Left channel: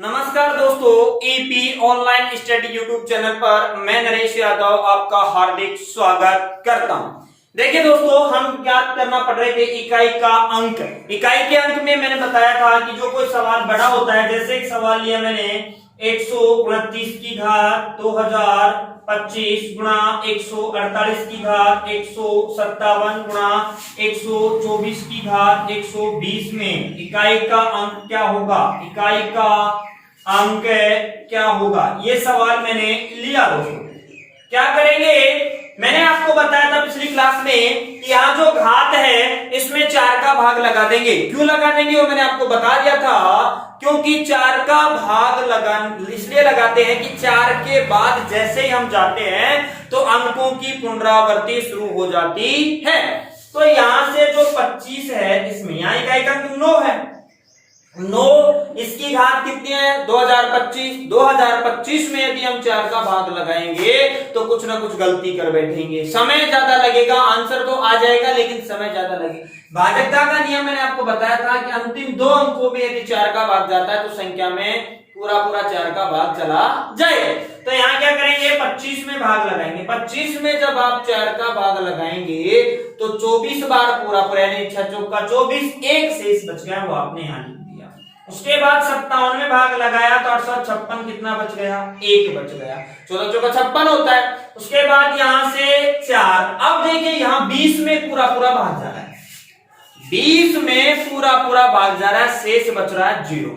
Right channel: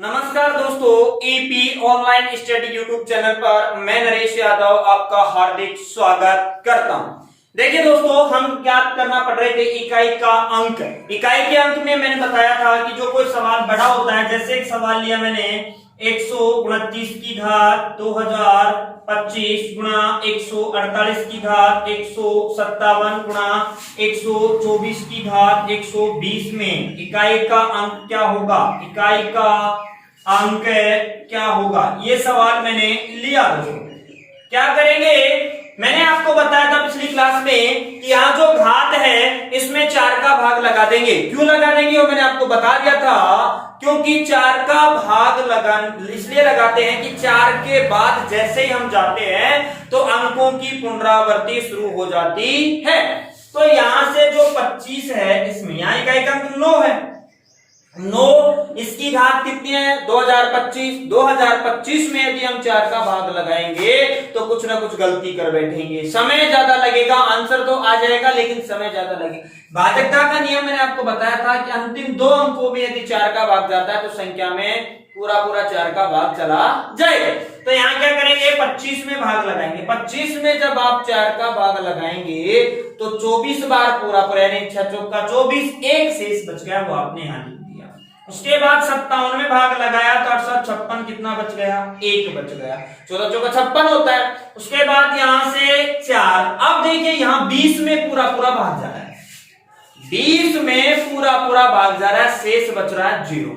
नमस्कार दोस्तों, EP online study YouTube channel पर मैं नरेश यादव आपका हार्दिक स्वागत करता हूं। देखिए दोस्तों, हम ज्ञात करना पड़ रहे थे इकाई का अंक। इकाई के अंक में मैंने बताया था कि जो कोई सवाल बड़ा होता है, जैसे एक सवाल लिया मैंने 129 की घात 2025 गुणा 148 की घात 157 गुणा 124 की घात 120 में इकाई का अंक क्या होगा, इकाई का अंक क्या होगा, ये सवाल मैंने लिया दोस्तों। क्या करेंगे, मैंने आपको बताया था पिछली क्लास में कि यहाँ जो घात है इसमें 4 का भाग लगा देंगे। क्यों लगा देंगे वो मैंने आपको बता दिया था, क्योंकि 4 का भाग इसलिए लगाते हैं कि 4 के बाद जैसे ही हम जाते हैं तो अंकों की पुनरावृत्ति शुरू हो जाती है। तो यहां से जो 25 है इसमें यहाँ इकाई का अंक 9 है। 9 इसकी घात कितनी है 2025 में यदि हम 4 का भाग लगाएंगे तो कुछ ना कुछ गलती कर बैठेंगे, समय ज्यादा लगेगा, आंसर तो आ जाएगा लेकिन समय ज्यादा लगेगा। भाजकता का नियम मैंने आपको बताया था कि अंतिम 2 अंकों में यदि 4 का भाग जाता है तो संख्या में पूरा 4 का भाग चला जाए। तो यहाँ क्या करेंगे, 25 में भाग लगाएंगे। 25 में जब आप 4 का भाग लगाएंगे तो 24 बार पूरा यानी 6 चौका 24, एक शेष बच गया वो आपने यहाँ लिख दिया। उसके बाद 57 में भाग लगाया तो 856 कितना बच गया, 1 बच गया। 14 चौका 56 होता है। उसके बाद यहां से 4। अब देखिए यहाँ 20 में पूरा भाग जा रहा है, 20 में पूरा भाग जा रहा है, शेष बच रहा है 0।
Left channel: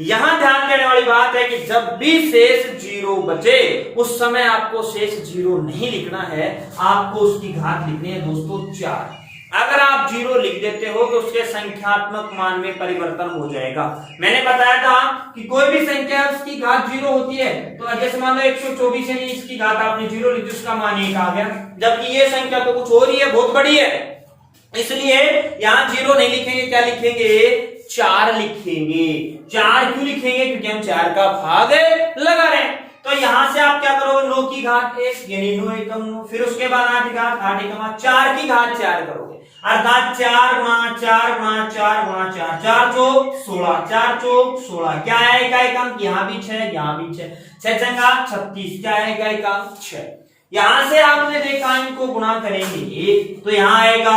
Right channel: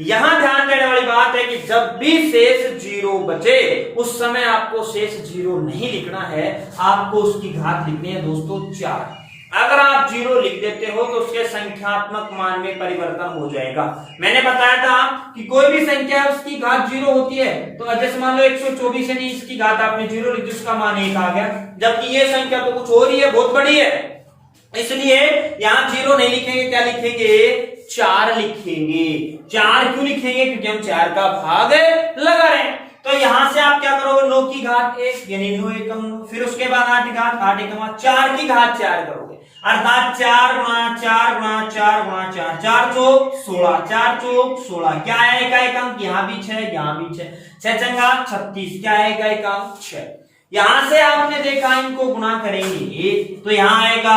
यहां ध्यान देने वाली बात है कि जब भी शेष 0 बचे उस समय आपको शेष 0 नहीं लिखना है, आपको उसकी घात लिखनी है दोस्तों 4। अगर आप 0 लिख देते हो तो उसके संख्यात्मक मान में परिवर्तन हो जाएगा। मैंने बताया था कि कोई भी संख्या है उसकी घात 0 होती है। तो जैसे मान लो 124 है, इसकी घात आपने 0 लिख दी, उसका मान 1 आ गया, जबकि ये संख्या तो कुछ और ही है, बहुत बड़ी है, इसलिए यहां 0 नहीं लिखेंगे, क्या लिखेंगे 4 लिखेंगे। 4 क्यों लिखेंगे, क्योंकि हम 4 का भाग लगा रहे हैं। तो यहां से आप क्या करोगे, 9 की घात 1 यानी 9 एकम 9, फिर उसके बाद 8 की घात 8 एकम 4 की घात 4 करोगे, अर्थात 4 गुणा 4 गुणा 4 गुणा 4, 4 चौक 16, 4 चौक 16। क्या आएगा एक अंक, यहाँ भी 6, यहाँ भी 6, 6 चंगा 36, क्या आएगा एक अंक 6। यहां से आपने देखा इनको गुणा करेंगे तो यहां आएगा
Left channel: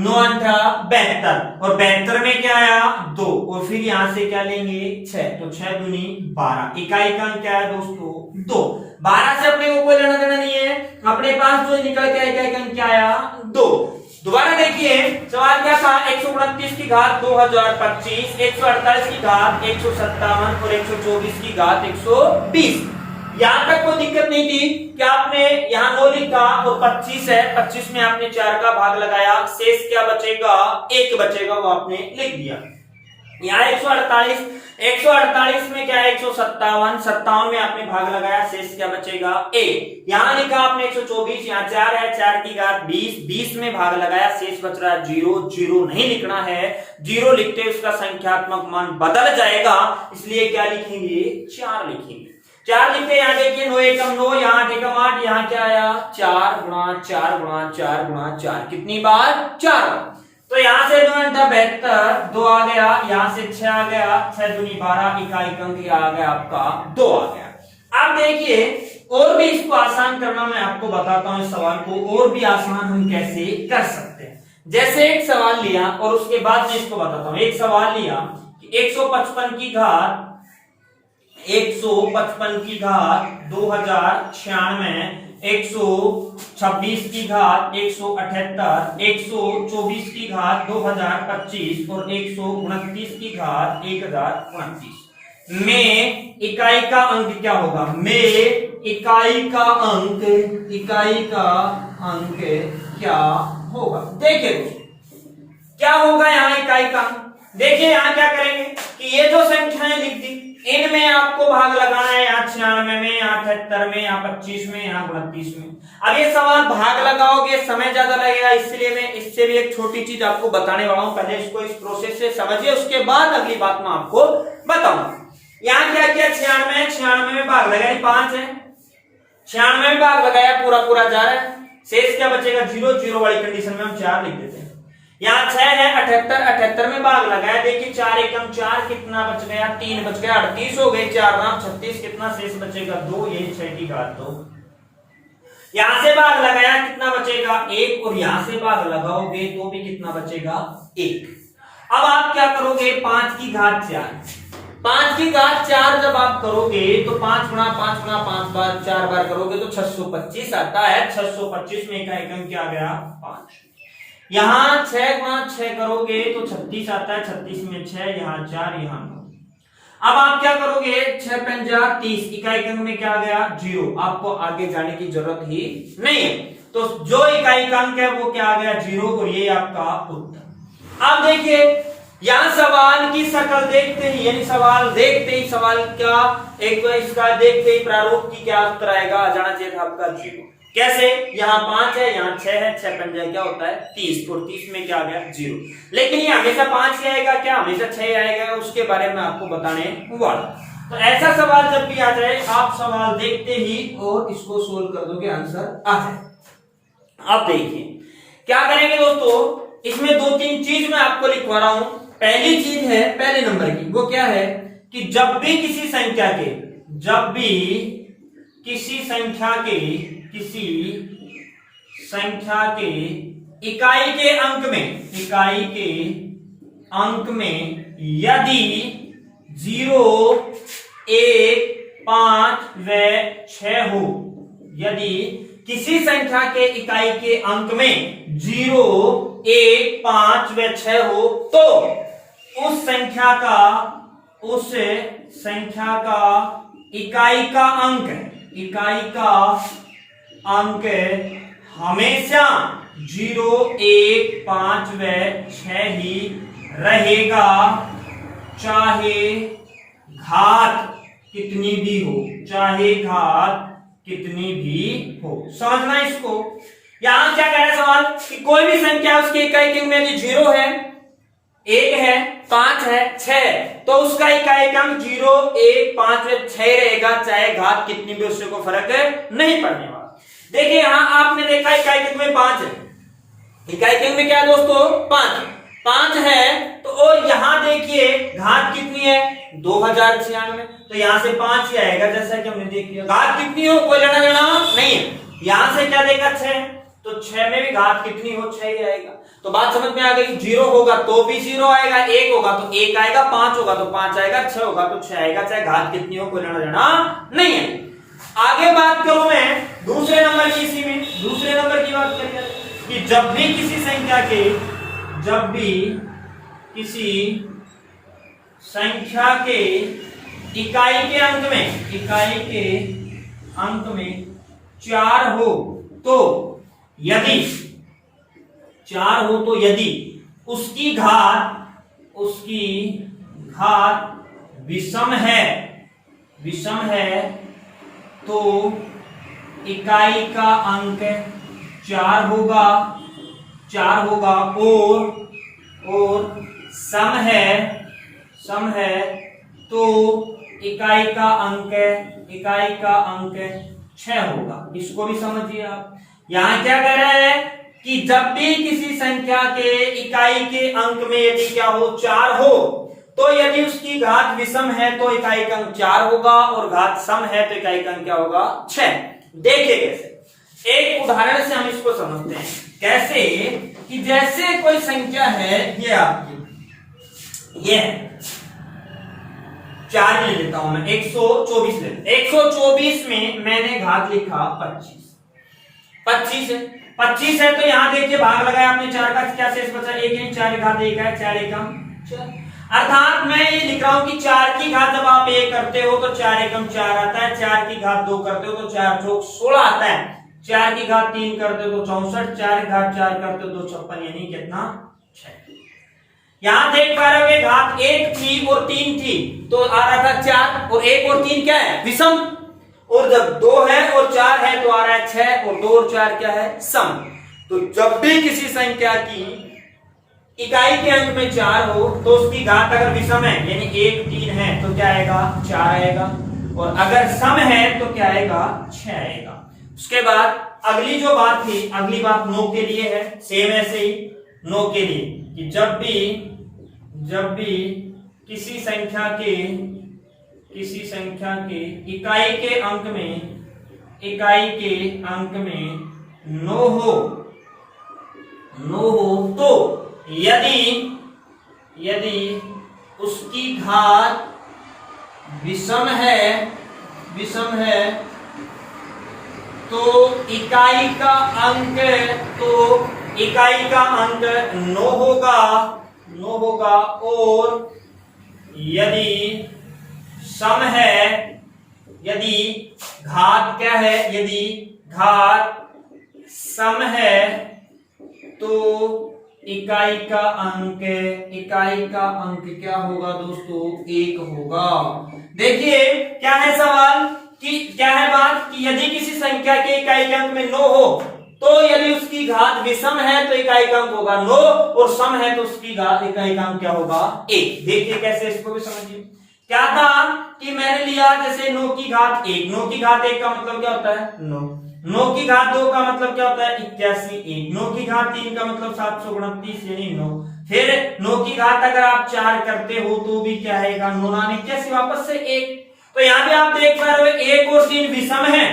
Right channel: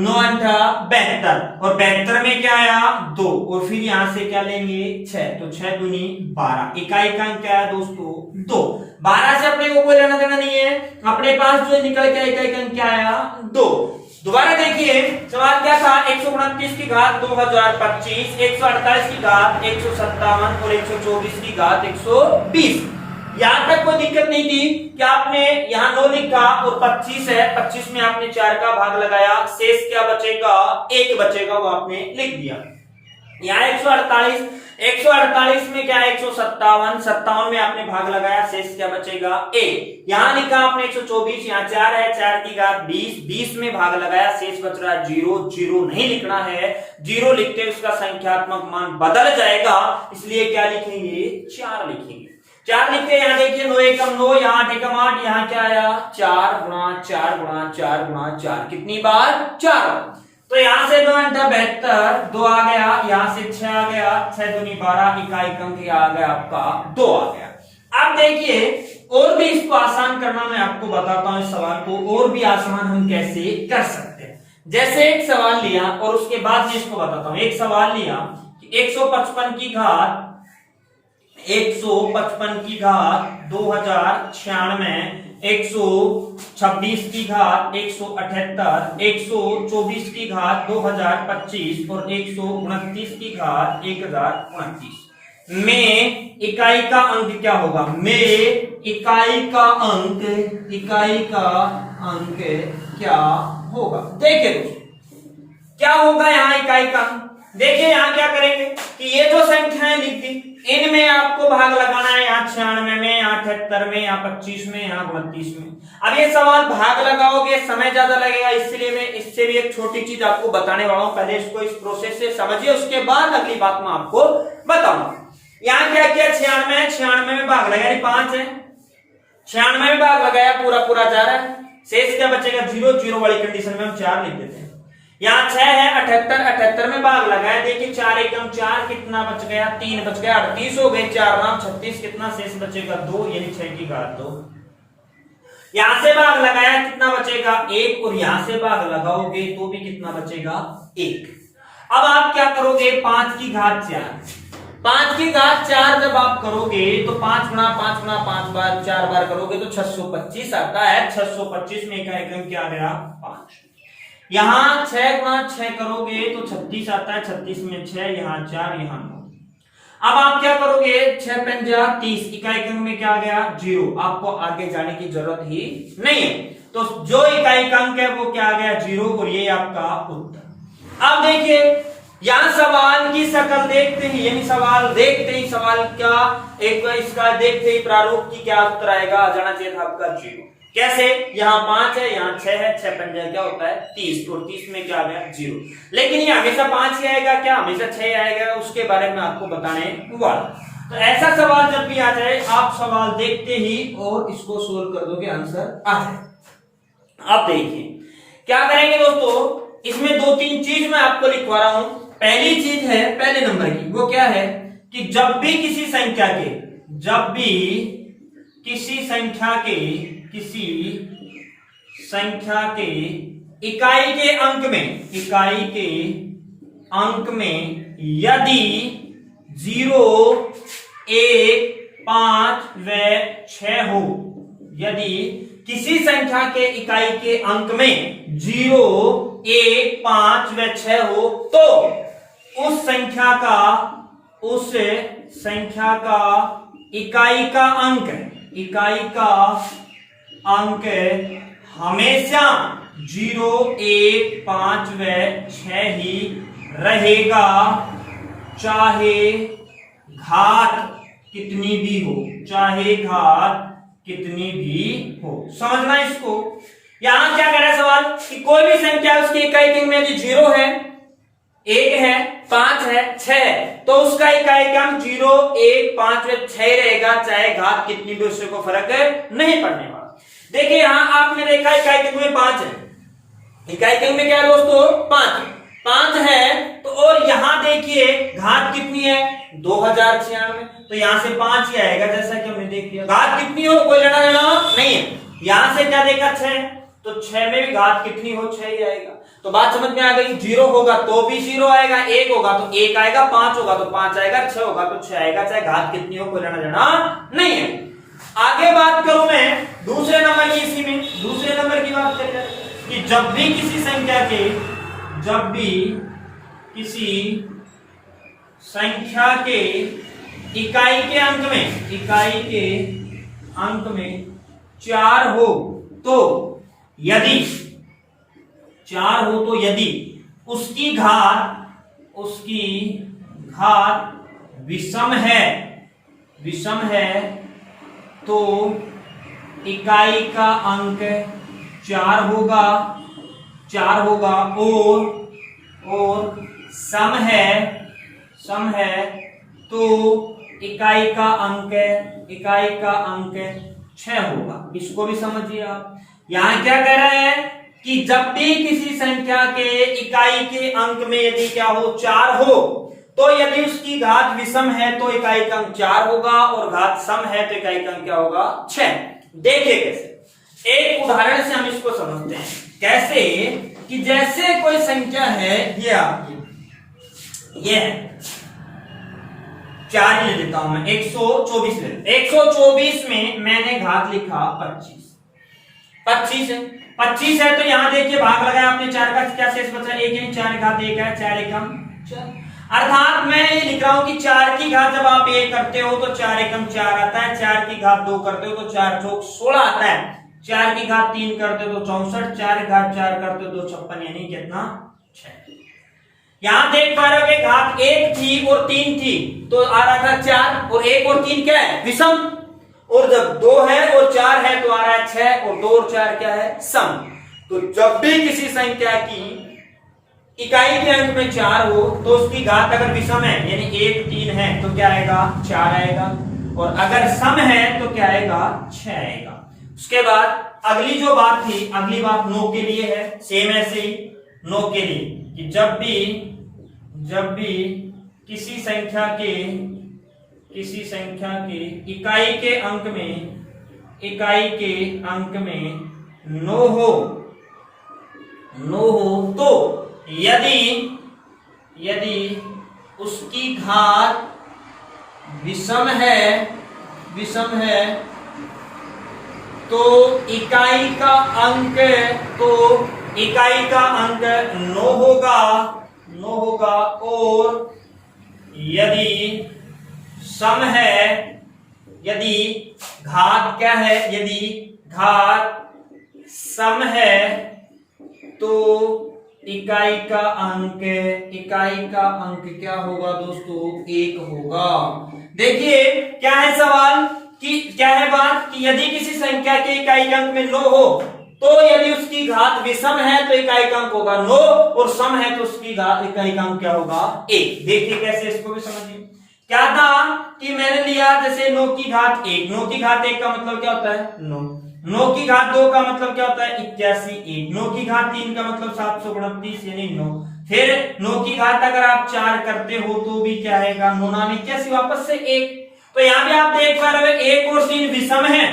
9 8 72, और 72 में क्या आया 2, और फिर यहां से क्या लेंगे 6, तो 6 दूनी 12। इकाई का अंक क्या है दोस्तों 2। 12 से अपने को कोई लेना देना नहीं है, अपने पास जो निकल के इकाई का अंक क्या आया 2। दोबारा देखिए सवाल क्या था, 129 की घात 2025, 148 की घात 157 और 124 की घात 120। यहां तक कोई दिक्कत नहीं थी कि आपने यहाँ 9 लिखा और 25 है, 25 में आपने 4 का भाग लगाया, शेष क्या बचेगा 1 बचेगा, वो आपने लिख दिया। यहाँ 148 में क्या है 157 में आपने भाग लगाया, शेष क्या बचेगा 1। यहाँ लिखा आपने 124, यहाँ 4 है, 4 की घात 20 में भाग लगाया, शेष बच रहा है 0 नहीं लिखना है, 0 लिखते उसका संख्यात्मक मान बदल जाएगा, इसलिए क्या लिखेंगे 4 लिखेंगे। 4 लिखते यहाँ देखिए 9 एकम 9, यहाँ 8 एकम 8, यहाँ क्या आया 4 गुणा 4 गुणा 4 गुणा 4, कितनी बार 4। तो यहाँ से 9 8 72, 2 आ गया, यहाँ से 6 आ गया, 6 दूनी 12, इकाई का अंक आ गया आपका 2 आ गया। अब देखिए और भी इसको आसान करना मैं आपको बताता हूं, इस सवाल को और भी आसान हम कैसे कर सकते हैं। जैसे एक सवाल लिया और उसके बाद मैं इसको बताता हूं। एक सवाल लिया 155 की घात 2096, 126 की घात 178, 124 की घात 2025 और 129 की घात 1029 में इकाई का अंक क्या होगा, में इकाई का अंक क्या होगा। देखिए क्या होगा यहाँ इकाई का, देखिए यहाँ क्या करेंगे कि ये जो संख्याएं लिख दी इनमें आपको भाग लगाना है, यहाँ 96 में, यहाँ 78 में, यहाँ 25 में, यहाँ 29 में। अब ये सवाल भाग लगाओगे समय ज्यादा लगेगा, इसलिए मैं इससे भी एक छोटी चीज आपको बताने वाला हूं, पहले इसको इस प्रोसेस से समझिए, उसके बाद अगली बात मैं आपको बताऊंगा। यहाँ क्या किया 96 में भाग लगाया 5 है, 96 में भाग लगाया पूरा जा रहा है, शेष क्या बचेगा 0 वाली कंडीशन में हम 4 लिख देते हैं। यहाँ 6 है, 78, 78 में भाग लगाया, देखिए 4 एकम 4, कितना बच गया 3 बच गया, 38 हो गए, 4 नाम 36, कितना शेष बचेगा 2, यानी 6 की घात 2। यहां से भाग लगाया, कितना बचेगा 1, और यहां से भाग लगाओगे तो भी कितना बचेगा 1। अब आप क्या करोगे, 5 की घात 4, 5 की घात 4 जब आप करोगे तो 5 गुणा 5 गुणा 5 बार 4 बार करोगे तो 625 आता है। 625 में का एकम क्या गया 5। यहां 6 गुणा 6 करोगे तो 36 आता है, 36 में 6, यहाँ 4, यहाँ 9। अब आप क्या करोगे, 6 पंजा 30, इकाई अंक में क्या गया 0, आपको आगे जाने की जरूरत ही नहीं है। तो जो इकाई अंक है वो क्या आ गया 0, और ये आपका उत्तर। अब देखिए यहां सवाल की शक्ल देखते ही, यानी सवाल देखते ही, सवाल क्या एक इसका देखते ही प्रारूप की क्या उत्तर आएगा, आ जाना चाहिए था आपका 0। कैसे, यहाँ 5 है, यहाँ 6 है, 6 पंजा क्या होता है 30, और 30 में क्या आ गया 0। लेकिन ये हमेशा 5 ही आएगा क्या, हमेशा 6 आएगा, उसके बारे में आपको बताने वाला। तो ऐसा सवाल जब भी आ जाए, आप सवाल देखते ही और इसको सोल्व कर दोगे, आंसर आ जाए। अब देखिए क्या करेंगे दोस्तों, इसमें 2-3 चीज मैं आपको लिखवा रहा हूं। पहली चीज है पहले नंबर की, वो क्या है कि जब भी किसी संख्या के इकाई के अंक में यदि 0, 1, 5 व 6 हो, यदि किसी संख्या के इकाई के अंक में 0, 1, 5 व 6 हो, तो उस संख्या का इकाई का अंक हमेशा 0, 1, 5 व 6 ही रहेगा, चाहे घात कितनी भी हो। समझना इसको। यहां क्या कह रहा है सवाल कि कोई भी संख्या उसके इकाई के अंक में यदि 0 है, 1 है, 5 है, 6, तो उसका इकाई का अंक 0, 1, 5 व 6 रहेगा, चाहे घात कितनी भी, उससे कोई फर्क नहीं पड़ने वाला। देखिए यहां आपने देखा इकाई के अंक में 5 है, इकाई के अंक में क्या है दोस्तों 5 है, तो और यहां देखिए घात कितनी है 2096, तो यहां से 5 ही आएगा, जैसा कि हमने देख लिया। घात कितनी हो कोई लेना देना नहीं है। यहां से क्या देखा 6, तो 6 में भी घात कितनी हो 6 ही आएगा। तो बात समझ में आ गई, 0 होगा तो भी 0 आएगा, 1 होगा तो 1 आएगा, 5 होगा तो 5 आएगा, 6 होगा तो 6 आएगा, चाहे घात कितनी हो कोई लेना देना नहीं है। आगे बात करूं मैं दूसरे नंबर की, इसी में दूसरे नंबर की बात करें कि जब भी किसी संख्या के इकाई के अंक में 4 हो, तो यदि उसकी घात विषम है तो इकाई का अंक 4 होगा, और सम है तो इकाई का अंक 6 होगा। इसको भी समझिए आप। यहां क्या कह रहा है कि जब भी किसी संख्या के इकाई के अंक में यदि क्या हो 4 हो, तो यदि उसकी घात विषम है तो इकाई का अंक 4 होगा, और घात सम है तो इकाई का अंक क्या होगा 6। देखिए कैसे, एक उदाहरण से हम इसको समझते हैं। कैसे कि जैसे कोई संख्या है, ये आपकी ये 4 ले लेता हूं मैं, 124 ले, 124 में मैंने घात लिखा 25 है, तो यहां देखिए भाग लगाया आपने, 4 का क्या शेष बचा 1, 4 घात 1 है, 4 एकम 4। अर्थात मैं ये लिख रहा हूं कि 4 की घात जब आप 1 करते हो तो 4 एकम 4 आता है, 4 की घात 2 करते हो तो 4 चौक 16 आता है, 4 की घात 3 करते हो तो 64, 4 की घात 4 करते हो तो 56, यानी कितना 6। यहां देख पा रहे हो घात 1 थी और 3 थी, तो आ रहा था 4, और 1 और 3 क्या है विषम, और जब 2 है और 4 है तो आ रहा है 6, और 2 और 4 क्या है सम। तो जब भी किसी संख्या की इकाई के अंक में 4 हो तो उसकी घात अगर विषम है, यानी 1, 3 है, तो क्या आएगा 4 आएगा, और अगर सम है तो क्या आएगा 6 आएगा। उसके बाद अगली जो बात थी, अगली बात 9 के लिए है, सेम ऐसे ही 9 के लिए कि जब भी किसी संख्या के इकाई के अंक में नो हो तो यदि उसकी घात विषम है तो इकाई का अंक नो होगा और यदि सम है, यदि घात क्या है, यदि घात सम है तो इकाई का अंक क्या होगा दोस्तों, 1 होगा। देखिए क्या है सवाल कि क्या है बात कि यदि किसी संख्या के इकाई अंक में 9 हो तो यदि उसकी घात विषम है तो इकाई अंक होगा 9 और सम है तो उसकी इकाई अंक क्या होगा 1। देखिए कैसे, इसको भी समझिए। क्या था कि मैंने लिया जैसे 9 की घात 1, 9 की घात 1 का मतलब क्या होता है 9, 9 की घात 2 का मतलब क्या होता है 81, 1 9 की घात 3 का मतलब 729 यानी 9, फिर 9 की घात अगर आप 4 करते हो तो भी क्या आएगा 9 9 81 वापस से 1। तो यहाँ पे आप देख पा रहे हो 1 और 3 विषम है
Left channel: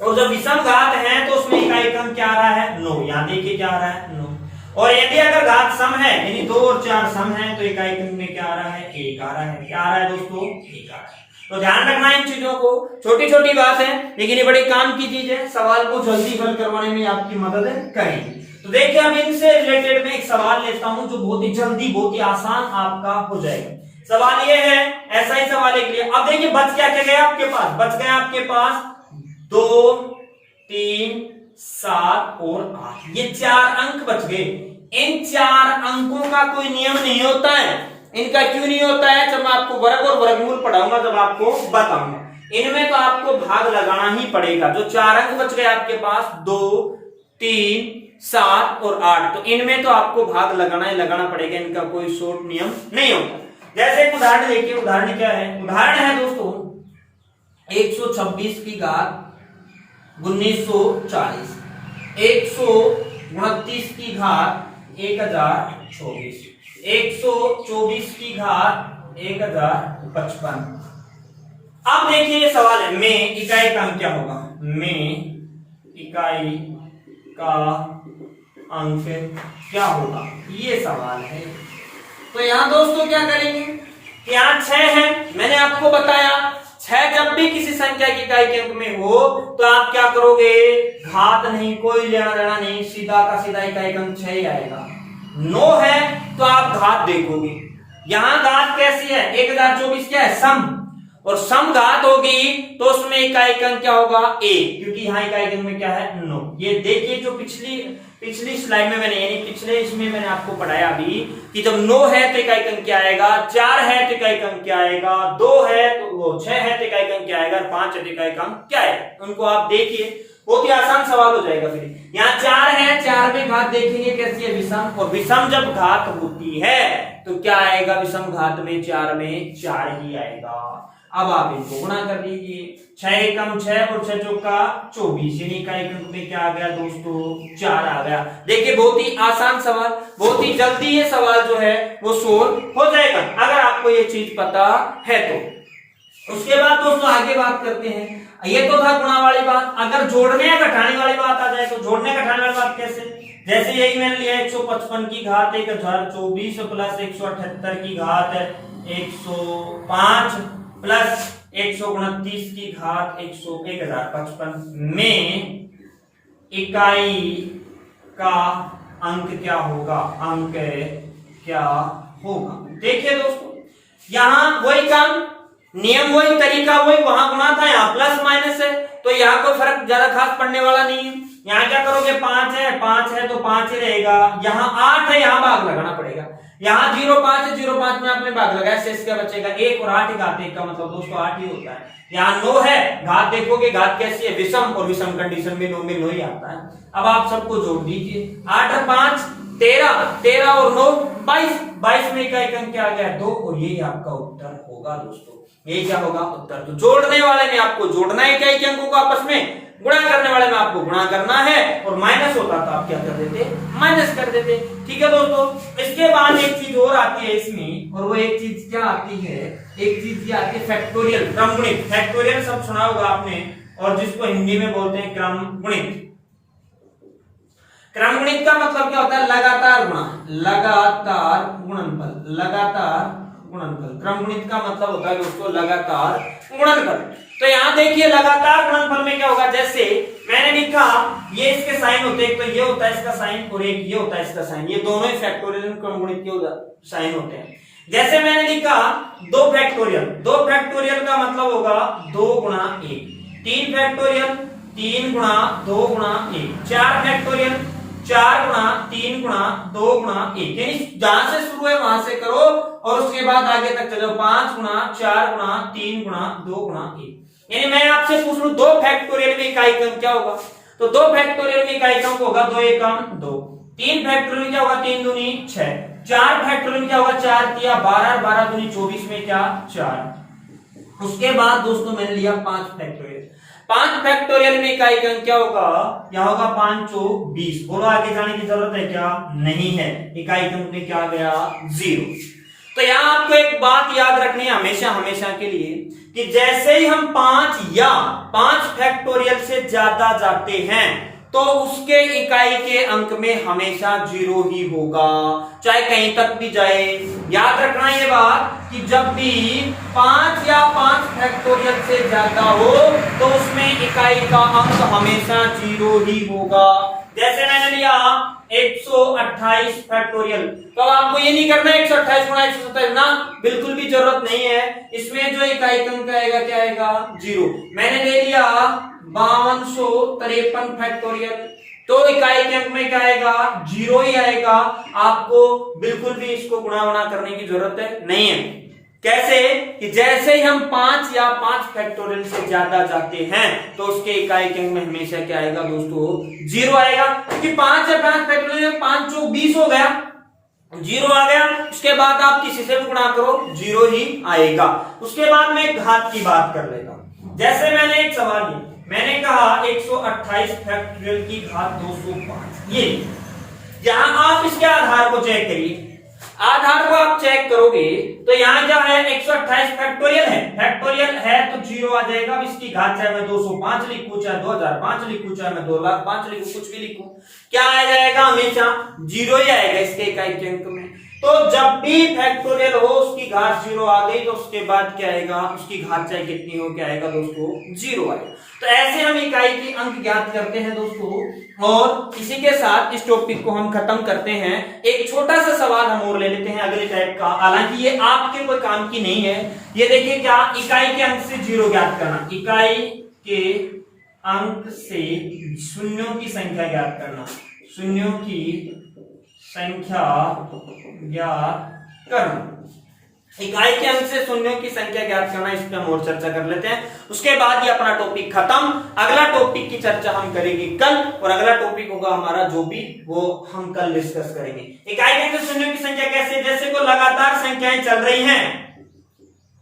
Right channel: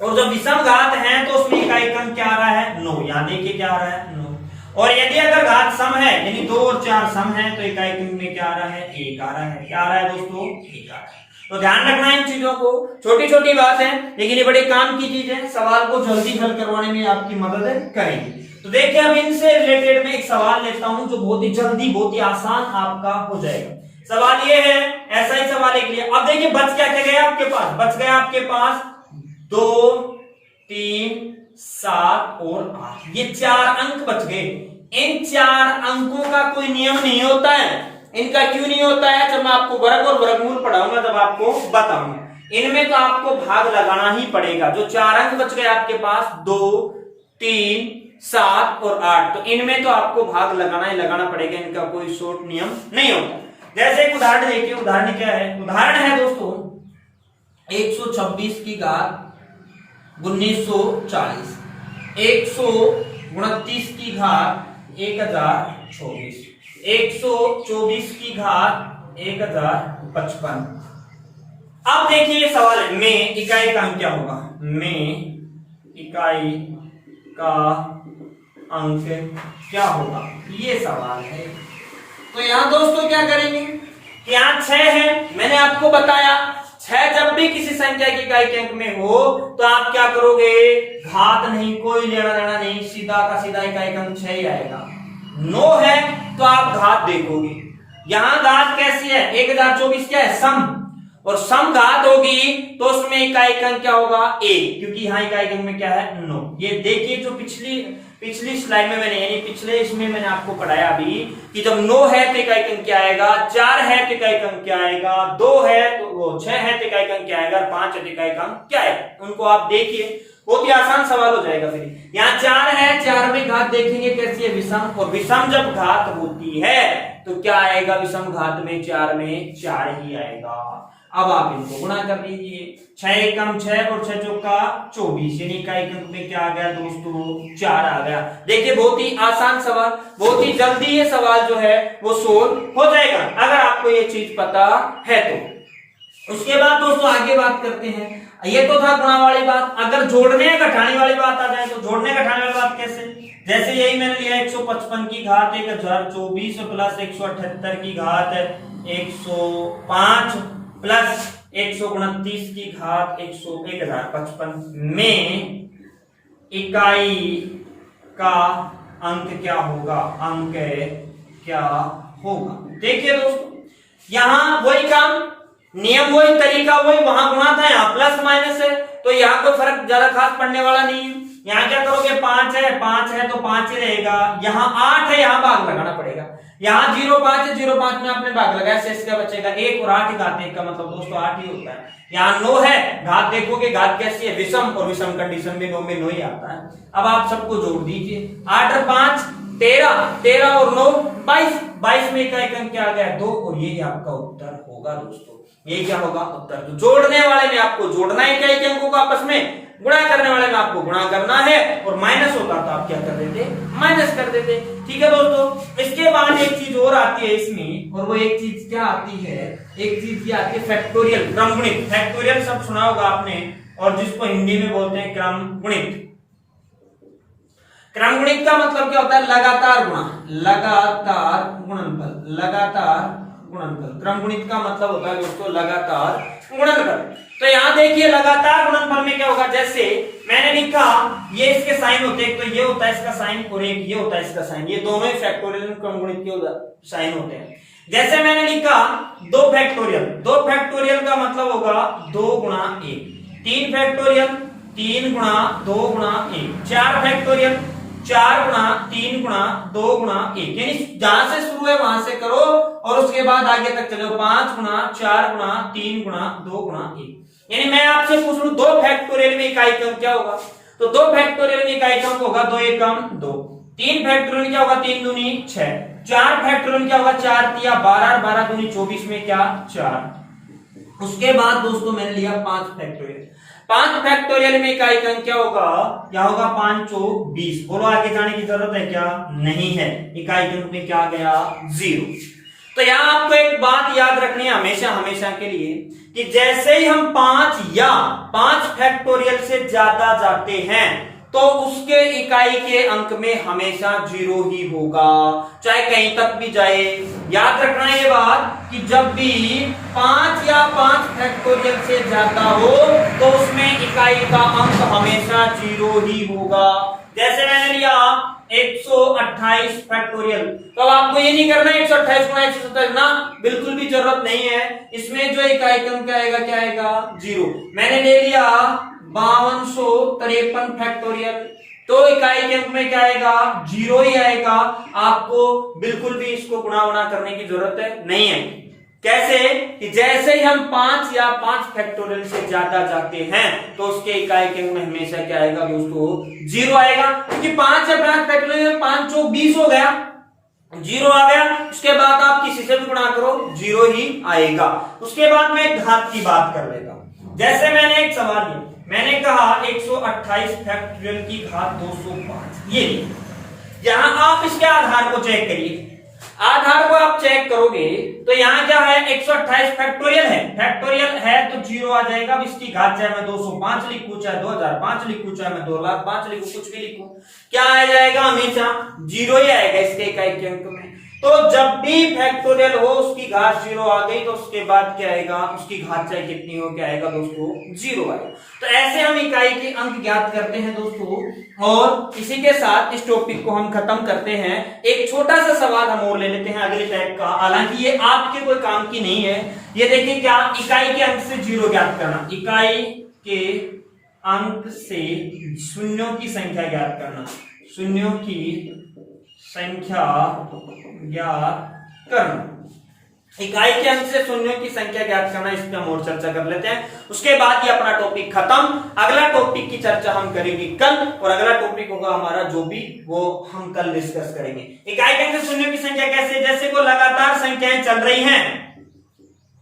और जब विषम घात है तो उसमें इकाई अंक क्या आ रहा है 9, यहाँ देखिए क्या आ रहा है 9। और यदि अगर घात सम है यानी 2 और 4 सम है तो इकाई अंक में क्या आ रहा है 1 आ रहा है। क्या आ रहा है दोस्तों 1 आ रहा है। तो ध्यान रखना इन चीजों को, छोटी छोटी बात है लेकिन ये बड़े काम की चीज है, सवाल को जल्दी हल करवाने में आपकी मदद करेंगे। तो देखिए अब इनसे रिलेटेड में एक सवाल लेता हूं जो बहुत ही जल्दी बहुत ही आसान आपका हो जाएगा। सवाल ये है, ऐसा ही सवाल एक लिए। अब देखिए बच क्या क्या गया आपके पास, बच गया आपके पास 2 3 7 और 8, ये 4 अंक बच गए। इन 4 अंकों का कोई नियम नहीं होता है। इनका क्यों नहीं होता है, जब मैं आपको वर्ग और वर्गमूल पढ़ाऊंगा जब आपको बताऊंगा। इनमें तो आपको भाग लगाना ही पड़ेगा। जो 4 अंक बच गए आपके पास 2 3 7 और 8, तो इनमें तो आपको भाग लगाना ही लगाना पड़ेगा, इनका कोई शॉर्ट नियम नहीं होता। जैसे एक उदाहरण देखिए, उदाहरण क्या है, उदाहरण है दोस्तों 126 की घात 1940, 129 की घात 1024, 124 की घात 1055। अब देखिए सवाल है में इकाई का अंक क्या होगा, में इकाई का अंक क्या होगा, ये सवाल है। तो यहां दोस्तों क्या करेंगे, यहां 6 है, मैंने आपको बताया 6 जब भी किसी संख्या की इकाई के अंक में हो तो आप क्या करोगे, घात नहीं, कोई लेना देना नहीं, सीधा का सीधा इकाई का अंक 6 ही आएगा। 9 है तो आप घात देखोगे, यहां घात कैसी है 1024 क्या है सम, और सम घात होगी तो उसमें इकाई का अंक क्या होगा 1, क्योंकि यहां इकाई के अंक में क्या है 9। ये देखिए जो पिछली स्लाइड में मैंने यानी पिछले इसमें मैंने आपको पढ़ाया अभी कि जब 9 है तो इकाई का अंक क्या आएगा, 4 है तो इकाई का अंक क्या आएगा, 2 है तो 6 है तो इकाई का अंक क्या आएगा, 5 है तो इकाई का अंक क्या आएगा। उनको आप देखिए, बहुत ही आसान सवाल हो जाएगा। फिर यहाँ 4 है, 4 में घात देखेंगे कैसी है विषम, और विषम जब घात होती है तो क्या आएगा, विषम घात में 4 में 4 ही आएगा। अब आप इनको गुणा कर दीजिए, 6 एकम 6 और 6 चौका 24, यानी इकाई अंक में क्या आ गया दोस्तों 4 आ गया। देखिए बहुत ही आसान सवाल, बहुत ही जल्दी ये सवाल जो है वो सोल्व हो जाएगा अगर आपको ये चीज पता है तो। उसके बाद दोस्तों आगे बात करते हैं, ये तो था गुणा वाली बात। अगर जोड़ने या घटाने वाली बात आ जाए तो जोड़ने घटाने वाली बात कैसे, जैसे यही मैंने लिया 155 की घात 1024 प्लस 178 की घात 105 प्लस 129 की घात 1055 में इकाई का अंक क्या होगा, अंक क्या होगा। देखिए दोस्तों यहां वही काम, नियम वही, तरीका वही, वहां गुणा था यहाँ प्लस माइनस है, तो यहाँ कोई फर्क ज्यादा खास पड़ने वाला नहीं है। यहाँ क्या करोगे 5 है तो 5 ही रहेगा, यहाँ 8 है यहाँ भाग लगाना पड़ेगा, यहाँ 05 है 05 में आपने भाग लगाया, शेष क्या बचेगा 1 और 8 घात 1 का मतलब दोस्तों 8 ही होता है। यहाँ 9 है, घात देखोगे घात कैसी है विषम, और विषम कंडीशन में 9 में 9 ही आता है। अब आप सबको जोड़ दीजिए, 8 और 5 13 और 9 22 में इकाई अंक क्या आ गया 2, और यही आपका उत्तर होगा दोस्तों। ये क्या होगा उत्तर। तो जोड़ने वाले में आपको जोड़ना है इकाई के अंकों को आपस में, गुणा करने वाले में आपको गुणा करना है और माइनस होता तो आप क्या कर देते, माइनस कर देते। ठीक है दोस्तों, इसके बाद एक चीज और आती है इसमें, और वो एक चीज क्या आती है, एक चीज क्या आती है, फैक्टोरियल, क्रमगुणित। फैक्टोरियल शब्द सुना होगा आपने, और जिसको हिंदी में बोलते हैं क्रमगुणित। क्रमगुणित का मतलब क्या होता है, लगातार गुणा, लगातार गुणनफल, लगातार गुणनफल। क्रमगुणित का मतलब होता है दोस्तों लगातार गुणनफल। तो यहां देखिए लगातार गुणनफल में क्या होगा, जैसे मैंने लिखा ये इसके साइन होते हैं, तो ये होता है इसका साइन और एक ये होता है इसका साइन, ये दोनों ही फैक्टोरियल क्रमगुणित के साइन होते हैं। जैसे मैंने लिखा 2 फैक्टोरियल, 2 फैक्टोरियल का मतलब होगा 2 गुणा 1, 3 फैक्टोरियल 3 गुणा 2 गुणा 1, 4 फैक्टोरियल 4 गुणा 3 गुणा 2 गुणा 1, यानी जहां से शुरू है वहां से करो और उसके बाद आगे तक चलो, 5 गुणा 4 गुणा 3 गुणा 2 गुणा 1। यानी मैं आपसे पूछ लूं 2 फैक्टोरियल में इकाई क्रम क्या होगा, तो 2 फैक्टोरियल में इकाई क्रम होगा 2 एकम 2, 3 फैक्टोरियल क्या होगा 3 दूनी 6, 4 फैक्टोरियल क्या होगा 4 तिया 12, 12 दूनी 24 में क्या 4। उसके बाद दोस्तों मैंने लिया 5 फैक्टोरियल, 5 फैक्टोरियल में इकाई क्रम क्या होगा, क्या होगा 5 चौक 20। बोलो आगे जाने की जरूरत है क्या, नहीं है, इकाई क्रम में क्या गया 0। तो यहां आपको एक बात याद रखनी है हमेशा हमेशा के लिए, कि जैसे ही हम 5 या 5 फैक्टोरियल से ज्यादा जाते हैं तो उसके इकाई के अंक में हमेशा 0 ही होगा, चाहे कहीं तक भी जाए। याद रखना ये बात कि जब भी 5 या 5 फैक्टोरियल से ज्यादा हो तो उसमें इकाई का अंक हमेशा 0 ही होगा। जैसे मैंने लिया 128 फैक्टोरियल, तो आपको ये नहीं करना है 128 गुणा 127 ना, बिल्कुल भी जरूरत नहीं है। इसमें जो इकाई क्रम क्या आएगा, क्या आएगा 0। मैंने ले लिया 5253 फैक्टोरियल, तो इकाई के अंक में क्या आएगा 0 ही आएगा। आपको बिल्कुल भी इसको गुणा वुणा करने की जरूरत नहीं है। कैसे कि जैसे ही हम 5 या 5 फैक्टोरियल से ज्यादा जाते हैं तो उसके इकाई के अंक में हमेशा क्या आएगा दोस्तों 0 आएगा, क्योंकि 5 या 5 फैक्टोरियल में 5 चौक 20 हो गया, 0 आ गया। इसके बाद आप किसी से भी गुणा करो 0 ही आएगा। उसके बाद मैं घात की बात कर लेता हूं। जैसे मैंने एक सवाल लिया, मैंने कहा 128 फैक्टोरियल की घात 205, ये यहां आप इसके आधार को चेक करिए। आधार को आप चेक करोगे तो यहाँ क्या है 128 फैक्टोरियल है, फैक्टोरियल है तो 0 आ जाएगा। अब इसकी घात चाहे मैं 205 लिखूं, चाहे 2005 लिखूं, चाहे मैं 2,05,000 लिखूं, कुछ भी लिखूं, क्या आ जाएगा हमेशा 0 ही आएगा इसके इकाई के अंक में। तो जब भी फैक्टोरियल हो उसकी घात 0 आ गई तो उसके बाद क्या आएगा, उसकी घात चाहे कितनी हो क्या आएगा दोस्तों 0 आएगा। तो ऐसे हम इकाई के अंक ज्ञात करते हैं दोस्तों। और इसी के साथ इस टॉपिक को हम खत्म करते हैं। एक छोटा सा सवाल हम और ले लेते हैं अगले टाइप का, हालांकि ये आपके कोई काम की नहीं है। ये देखिए क्या, इकाई के अंक से 0 ज्ञात करना, इकाई के अंक से शून्यों की संख्या ज्ञात करना, शून्यों की संख्या ज्ञात करना, इकाई के अंक से शून्यों की संख्या ज्ञात करना, इस पे हम और चर्चा कर लेते हैं। उसके बाद ये अपना टॉपिक खत्म। अगला टॉपिक की चर्चा हम करेंगे कल, और अगला टॉपिक होगा हमारा जो भी, वो हम कल डिस्कस करेंगे। इकाई के अंक से शून्यों की संख्या कैसे, जैसे को लगातार संख्याएं चल रही हैं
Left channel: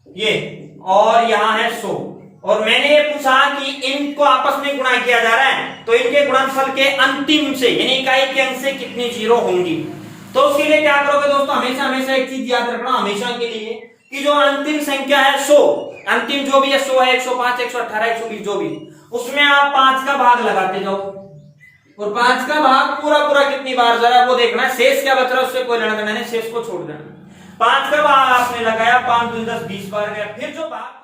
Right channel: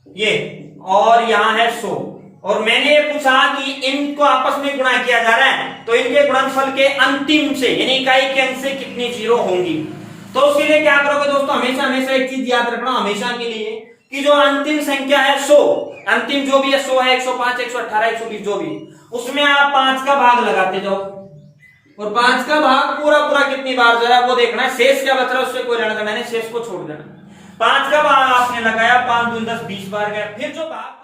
ये, और यहां है 100, और मैंने ये पूछा कि इनको आपस में गुणा किया जा रहा है, तो इनके गुणनफल के अंतिम से यानी इकाई के अंक से कितनी 0 होंगी। तो उसके लिए क्या करोगे दोस्तों, हमेशा हमेशा एक चीज याद रखना हमेशा के लिए, कि जो अंतिम संख्या है 100, अंतिम जो भी है 100 है, 105, 118, 120 जो भी, उसमें आप 5 का भाग लगाते जाओ, और 5 का भाग पूरा पूरा कितनी बार जरा वो देखना है, शेष क्या बच रहा है उससे कोई लेना देना नहीं, शेष को छोड़ देना। 5 का भाग आपने लगाया, 5 2 10 20 बार गया, फिर जो भाग